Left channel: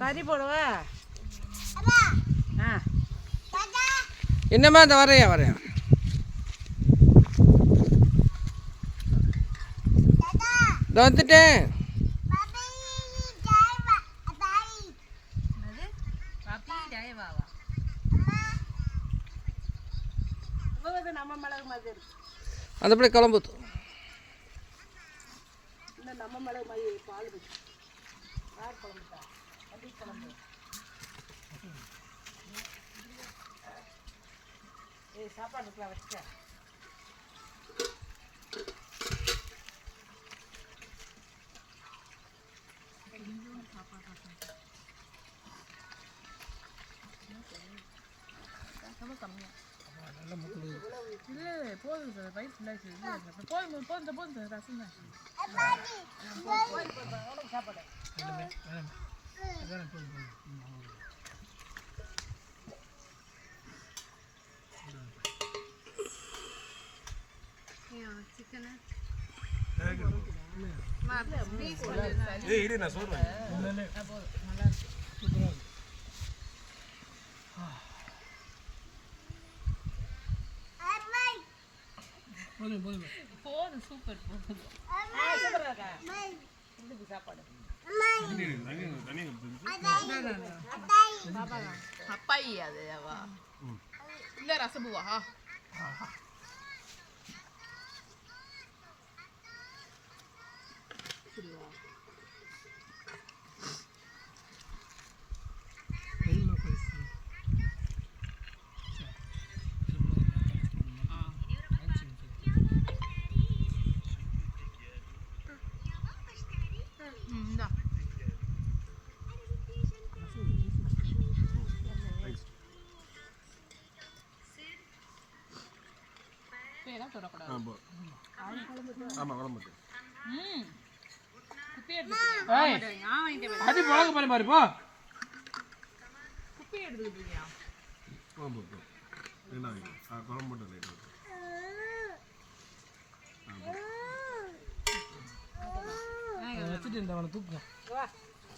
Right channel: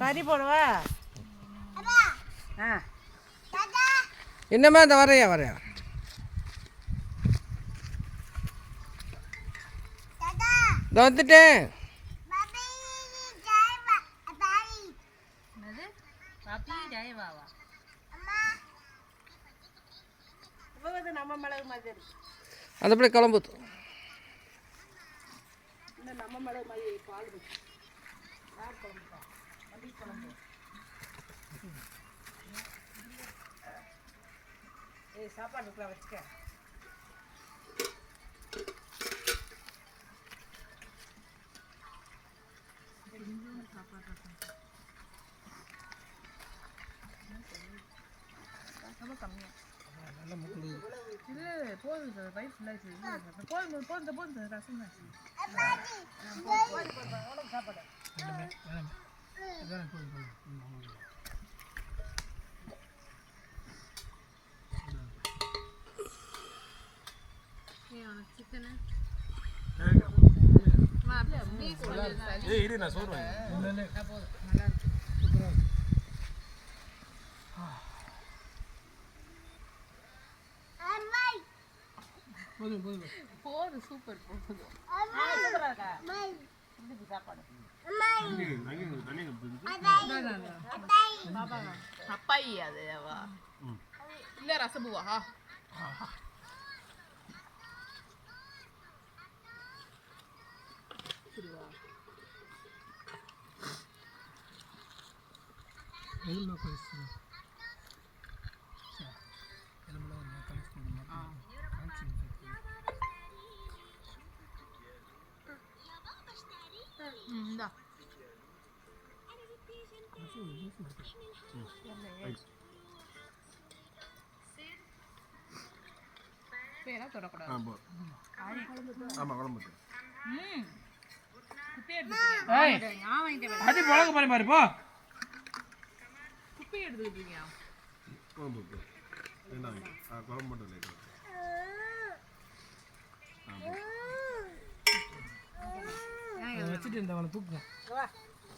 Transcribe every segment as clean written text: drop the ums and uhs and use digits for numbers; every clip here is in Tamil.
கறி போடுவா என்னம்மா இந்த வரையா இந்த வந்துட்டேன். அந்த பிள்ளை கிளம்புது. சாப்பாடு வச்சுக்க கம்மியா இல்லை போதும் சார் வயிறு ஃபுல்லாக போதும் ரசம் தான் சாப்பாடு சிக்கனு நான் சொல்றேன் போதும் சூப்பர் சாப்பாடு அப்பாயி அது இல்ல ரசபுவா அடி பழக பாரு மாதிரி போ. வச்சுட்டு இந்த அவனை தூக்குங்க.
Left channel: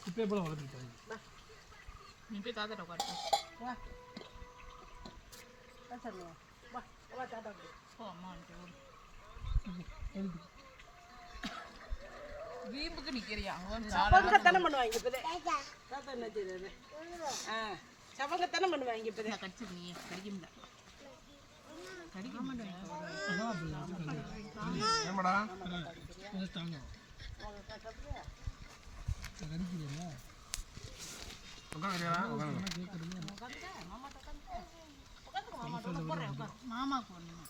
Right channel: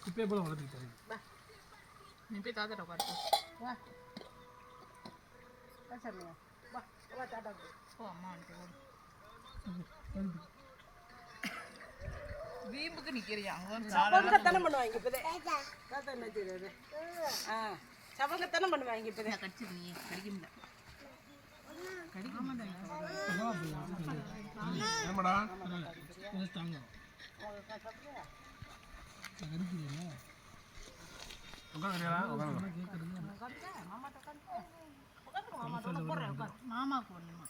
குப்பையை போல வளர்த்துட்டாங்க. நீ போய் தாத்தா உட்காரு. வா சொல்லுங்க வா தாத்தா ஓ அம்மா வீம்புக்கு நிக்கிறியா? சபங்கத்தனை பண்ணுவாங்க இப்போதே. தாத்தா என்ன செய்யறது? சபங்கத்தனை பண்ணுவாங்க இப்போதே. கடிச்சு நீ கடிக்க முடியல. மாமாக்கு ஒண்ணுமா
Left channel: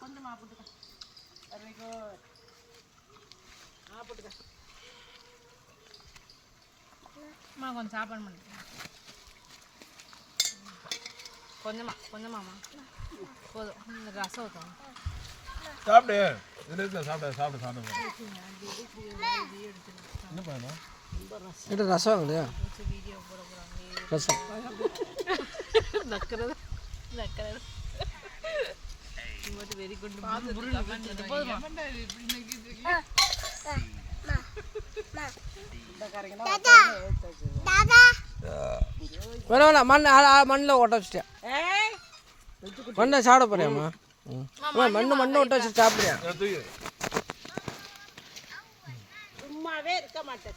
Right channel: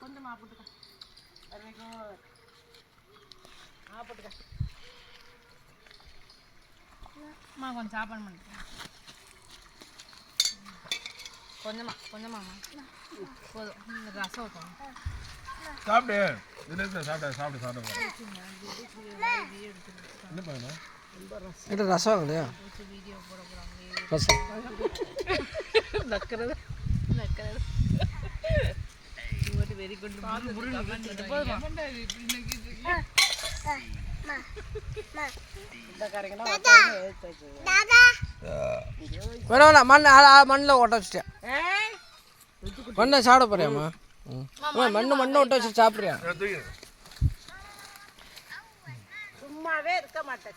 கொஞ்சமா போட்டுக்க. கொஞ்சம் சாப்பாடு பண்ணி கொஞ்சமாம்மா போதும். இந்த ரசம் ஊற்றணும். சாப்பிடு சாப்பிடு என்ன பண்ணணும்? இது ரசம் இல்லையா? வீடியோ போட போகிறாங்க. ரசம் நக்கிறது வெரி குட். வேணா மண்ணில் ஒட்ட வச்சுட்டேன். மண்ணை சாப்பிட போறியாம்மா? மண்ணை ஒட்ட வச்சு சாப்பிட்றியா? சும்மாவே இருக்க மாட்டேன்.